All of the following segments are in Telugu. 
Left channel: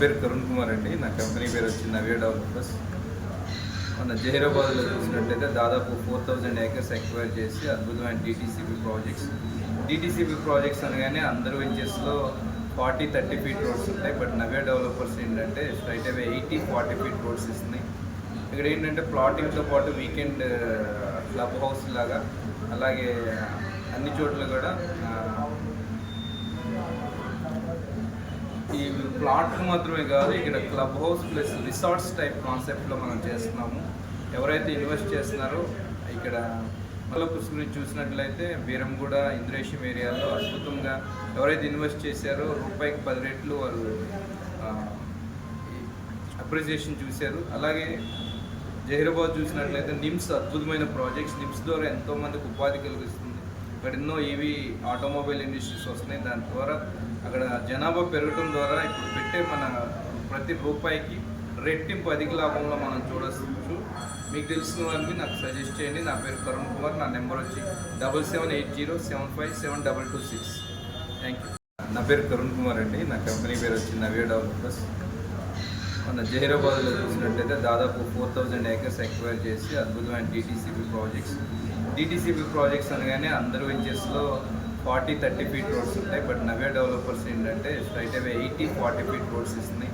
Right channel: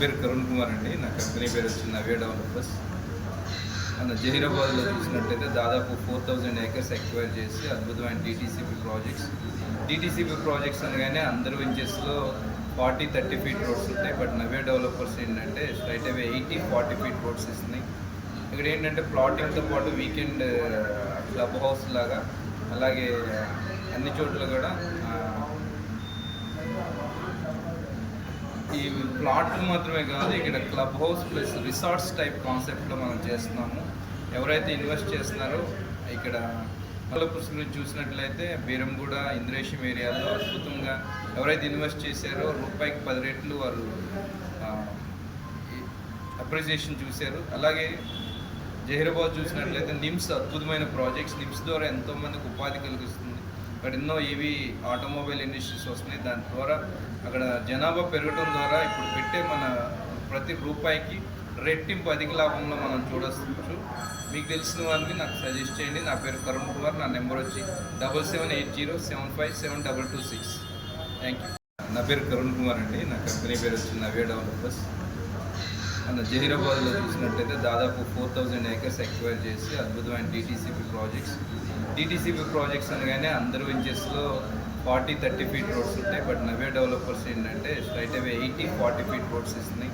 పేరు కరుణ్ కుమార్ అండి. నా కంపెనీ పేరు వచ్చి నవ్య డెవలపర్స్. మన జహీరాబాద్లో చూసినట్లయితే దాదాపు 4000 ఏకర్స్ ఎక్వైర్ చేసి అద్భుతమైన డిటీసీపీ ప్రాజెక్ట్స్ అనగానే అందరు వెంచర్స్లో 40-30 ఫీట్ రోడ్స్ ఉంటాయి. బట్ నవ్య డెవలపర్స్ ఏంటంటే స్ట్రైట్ అవే 80-40 ఫీట్ రోడ్స్ ఇస్తున్నాయి. ఇక్కడ ఏంటంటే ప్లాటింగ్తో పాటు వీకెండ్ క్లబ్ హౌస్ లాగా, అలాగే అన్ని చోట్ల కూడా ఈ ప్లాట్లు మాత్రమే కాదు, ఇక్కడ club house plus resorts type కాన్సెప్ట్లో మనం చేస్తున్నాము. ఎవరైతే ఇన్వెస్ట్ చేస్తున్నారో ఇక్కడ పుష్కరిని చూసినట్లయితే బీరంగూడ, ఇంద్రేశం ఏరియాలో అద్భుతంగా ఎవరైతే ఇన్వెస్ట్ చేశారో రూపాయికి 10 రెట్లు వారు అప్రిసియేషన్ చూశారు. అలాగే జహీరాబాద్ చూసినట్లయితే నిమ్స్ అద్భుతమైన ప్రాజెక్ట్స్. నిమ్స్ ద్వారా ఎంతోమందికి ఉపాధి కలిగిస్తుంది. ఇక్కడ ఎన్నో ఈవీ ఆటోమొబైల్ ఇండస్ట్రీస్ వస్తున్నాయి. దాని ద్వారా అక్కడ జనాభా పెరగడం ద్వారా ఇప్పుడు పెట్టే మన ప్రతి రూపాయికి రెట్టింపు అధిక లాభంలో మనం చూడవచ్చు. మీకు తెలిసిన వారిని నాకు సజెస్ట్ చేయండి. నా పేరు కరుణ్ కుమార్. నా నెంబర్ వచ్చి 7780757226. Thank you. నా పేరు కరుణ్ కుమార్ అండి. నా కంపెనీ పేరు వచ్చి నవ్య డెవలపర్స్. మన జహీరాబాద్లో చూసినట్లయితే దాదాపు 4000 ఏకర్స్ ఎక్వైర్ చేసి అద్భుతమైన డిటీసీపీ ప్రాజెక్ట్స్ అనగానే అందరు వెంచర్స్లో 40-30 ఫీట్ రోడ్స్ ఉంటాయి. బట్ నవ్య డెవలపర్స్ ఏంటంటే స్ట్రైట్ అవే 80-40 ఫీట్ రోడ్స్ ఇస్తున్నాయి.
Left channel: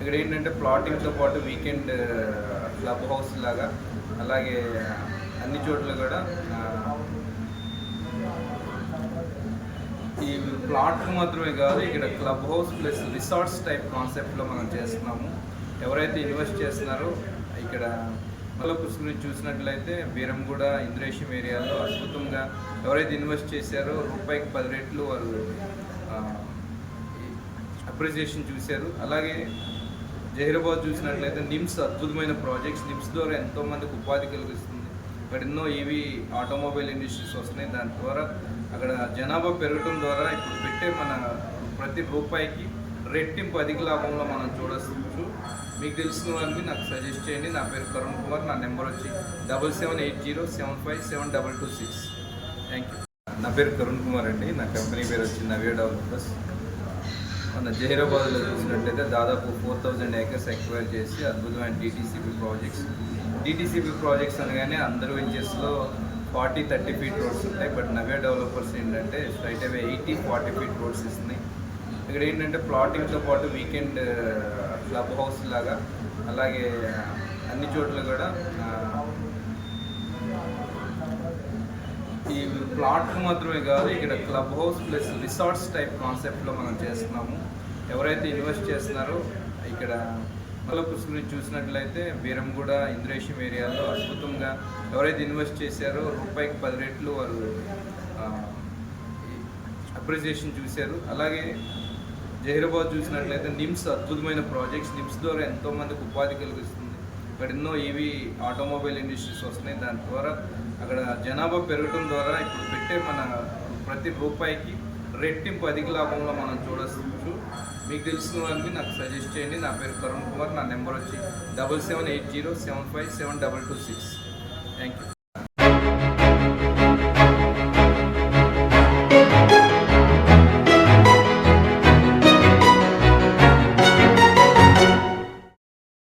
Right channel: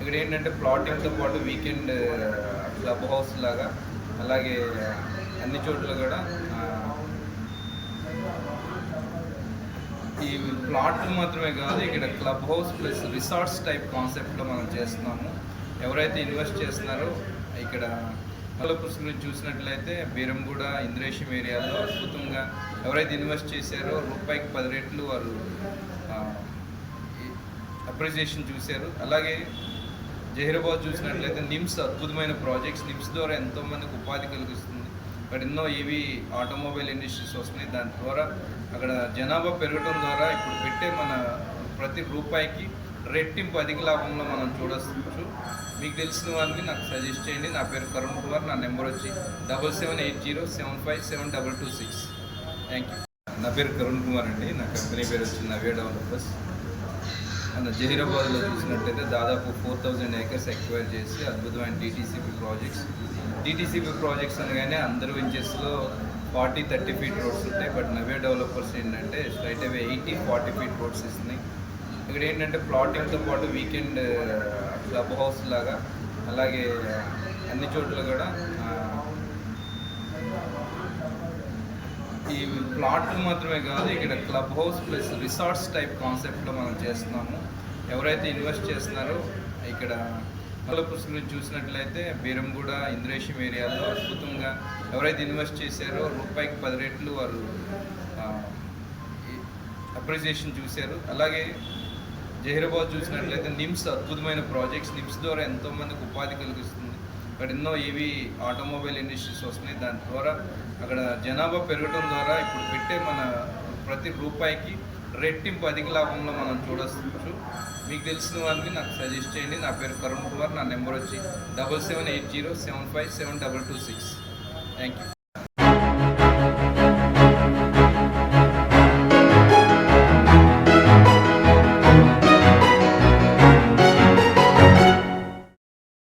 ఇక్కడ ఏంటంటే ప్లాటింగ్తో పాటు వీకెండ్ క్లబ్ హౌస్ లాగా, అలాగే అన్ని చోట్ల కూడా ఈ ప్లాట్లు మాత్రమే కాదు, ఇక్కడ club house plus resorts type కాన్సెప్ట్లో మనం చేస్తున్నాము. ఎవరైతే ఇన్వెస్ట్ చేస్తున్నారో ఇక్కడ పుష్కరిని చూసినట్లయితే బీరంగూడ, ఇంద్రేశం ఏరియాలో అద్భుతంగా ఎవరైతే ఇన్వెస్ట్ చేశారో రూపాయికి 10 రెట్లు వారు అప్రిసియేషన్ చూశారు. అలాగే జహీరాబాద్ చూసినట్లయితే నిమ్స్ అద్భుతమైన ప్రాజెక్ట్స్. నిమ్స్ ద్వారా ఎంతోమందికి ఉపాధి కలిగిస్తుంది. ఇక్కడ ఎన్నో ఈవీ ఆటోమొబైల్ ఇండస్ట్రీస్ వస్తున్నాయి. దాని ద్వారా అక్కడ జనాభా పెరగడం ద్వారా ఇప్పుడు పెట్టే మన ప్రతి రూపాయికి రెట్టింపు అధిక లాభంలో మనం చూడవచ్చు. మీకు తెలిసిన వారిని నాకు సజెస్ట్ చేయండి. నా పేరు కరుణ్ కుమార్. నా నెంబర్ వచ్చి 7780757226. Thank you. నా పేరు కరుణ్ కుమార్ అండి. నా కంపెనీ పేరు వచ్చి నవ్య డెవలపర్స్. మన జహీరాబాద్లో చూసినట్లయితే దాదాపు 4000 ఏకర్స్ ఎక్వైర్ చేసి అద్భుతమైన డిటీసీపీ ప్రాజెక్ట్స్ అనగానే అందరు వెంచర్స్లో 40-30 ఫీట్ రోడ్స్ ఉంటాయి. బట్ నవ్య డెవలపర్స్ ఏంటంటే స్ట్రైట్ అవే 80-40 ఫీట్ రోడ్స్ ఇస్తున్నాయి. ఇక్కడ ఏంటంటే ప్లాటింగ్తో పాటు వీకెండ్ క్లబ్ హౌస్ లాగా, అలాగే అన్ని చోట్ల కూడా ఈ ప్లాట్లు మాత్రమే కాదు, ఇక్కడ club house plus resorts type కాన్సెప్ట్లో మనం చేస్తున్నాము. ఎవరైతే ఇన్వెస్ట్ చేస్తున్నారో ఇక్కడ పుష్కరిని చూసినట్లయితే బీరంగూడ, ఇంద్రేశం ఏరియాలో అద్భుతంగా ఎవరైతే ఇన్వెస్ట్ చేశారో రూపాయికి 10 రెట్లు వారు అప్రిసియేషన్ చూశారు. అలాగే జహీరాబాద్ చూసినట్లయితే నిమ్స్ అద్భుతమైన ప్రాజెక్ట్స్. నిమ్స్ ద్వారా ఎంతోమందికి ఉపాధి కలిగిస్తుంది. ఇక్కడ ఎన్నో ఈవీ ఆటోమొబైల్ ఇండస్ట్రీస్ వస్తున్నాయి. దాని ద్వారా అక్కడ జనాభా పెరగడం ద్వారా ఇప్పుడు పెట్టే మన ప్రతి రూపాయికి రెట్టింపు అధిక లాభంలో మనం చూడవచ్చు. మీకు తెలిసిన వారిని నాకు సజెస్ట్ చేయండి. నా పేరు కరుణ్ కుమార్. నా నెంబర్ వచ్చి 7780757226. Thank you.